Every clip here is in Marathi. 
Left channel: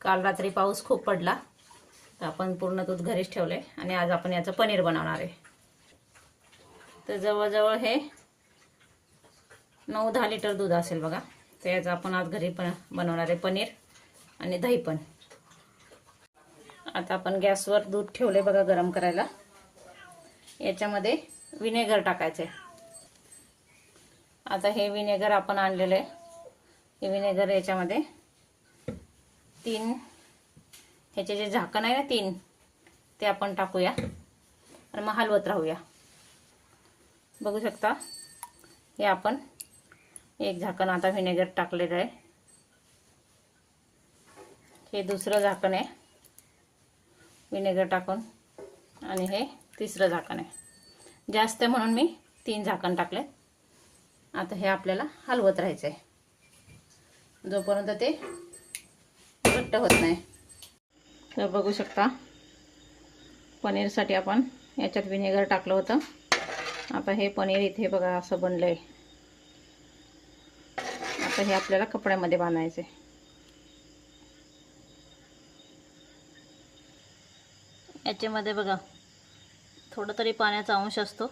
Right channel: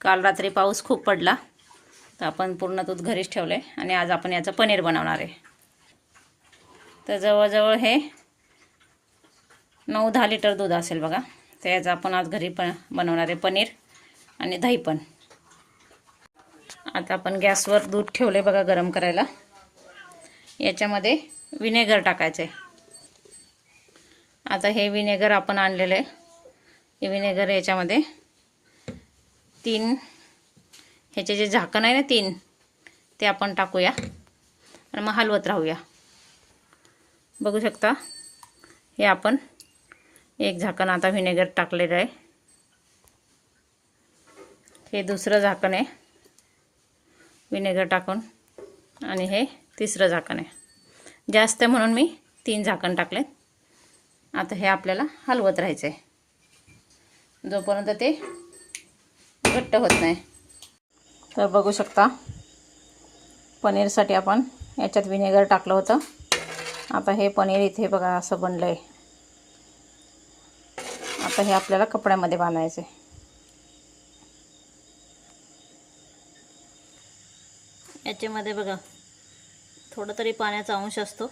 काल रात्री पाऊस खूप पडला तर आपण पूर्ण दूध घरीच ठेवलं आहे आणि आज आपण याचं पनीर बनवणार आहे। तर जवळजवळ हे 9-10 लिटर दूध असेल बघा। तर याचं आपण आज घरी पण बनवणार आहे पनीर आणि दही पण। आता आपण गॅसवर दूध ठेवले बघा गरम करायला। याच्यामध्ये विनेगर टाकायचे। आता हे विनेगर आपण आणलेलं आहे। हे विनेगर याच्यामध्ये 3 ह्याचे जे झाकण आहे ना 3 ते आपण टाकूया आणि मग हलवत राहूया। बघू शकता हे आपण एक झाकण आता विनेगर टाकलेलं आहे। हे दुसरं झाकण आहे विनेगर टाकून आणि हे तिसरं झाकण आहे। जास्त म्हणून मी 3 झाकण टाकले। आता हे आपल्याला हलवत राहायचं आहे जोपर्यंत ते घट्ट होत नाही। तर बघू शकता पनीरसाठी आपण याच्यात विनेगर टाकलं होतं। आता हे पनीर इथे बघा असं बनलंय। आता हे आपल्याला कपड्यामध्ये बांधायचे। याच्यामध्ये बघा थोडं तरी पाण्याचा अंश असतो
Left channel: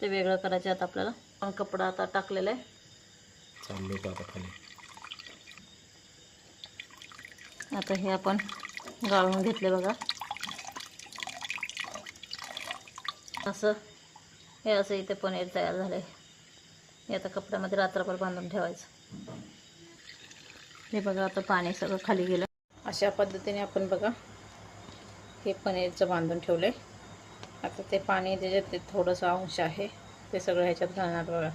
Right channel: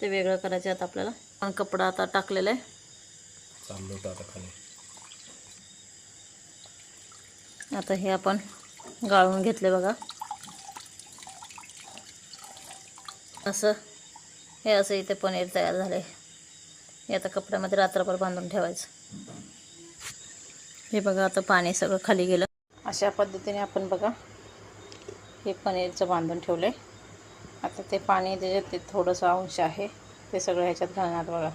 ते वेगळं करायचं। आता आपल्याला पण कपडा आता टाकलेला आहे। आता हे आपण गाळून घेतले बघा। असं हे असं इथे पनीर तयार झाले। हे आता कपड्यामध्ये रात्रभर बांधून ठेवायचं। हे बघा आता पाणी सगळं खाली गेलं। अशा पद्धतीने आपण बघा हे पनीरचं बांधून ठेवले। आता ते पाणी त्याच्यात ते थोडंसं अंश आहे ते सगळं ह्याच्यात घालणार बघा।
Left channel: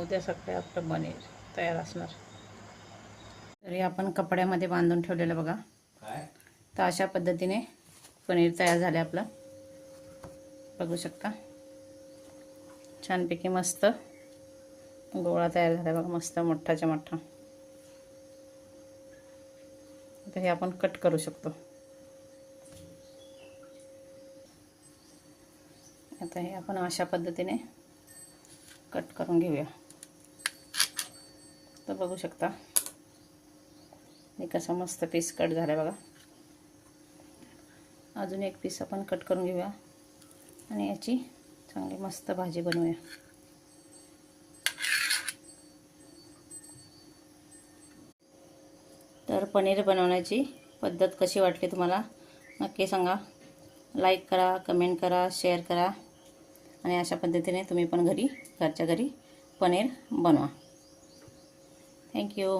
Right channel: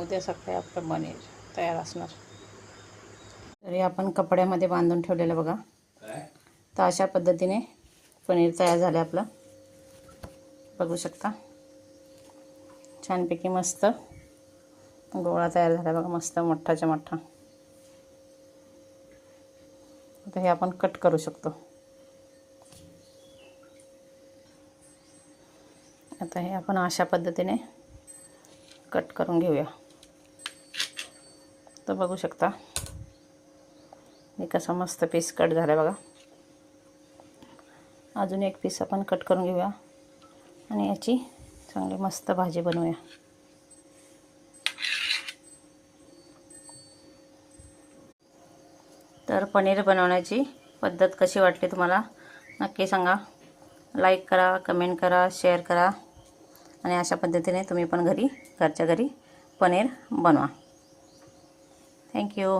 उद्या सकाळी आपलं पनीर तयार असणार। तरी आपण कपड्यामध्ये बांधून ठेवलेलं बघा। तर अशा पद्धतीने पनीर तयार झाले आपलं। बघू शकता छानपैकी मस्त गोळा तयार झाला बघा। मस्त मोठाच्या मोठा। आता हे आपण कट करू शकतो। आता हे आपण अशा पद्धतीने कट करून घेऊया। तर बघू शकता हे कसं मस्त पीस कट झालं बघा। अजून एक पीस आपण कट करून घेऊया आणि याची चांगली मस्त भाजी बनवूया। तर पनीर बनवण्याची पद्धत कशी वाटली तुम्हाला नक्की सांगा। लाईक करा, कमेंट करा, शेअर करा आणि अशा पद्धतीने तुम्ही पण घरच्या घरी पनीर बनवा। थँक्यू।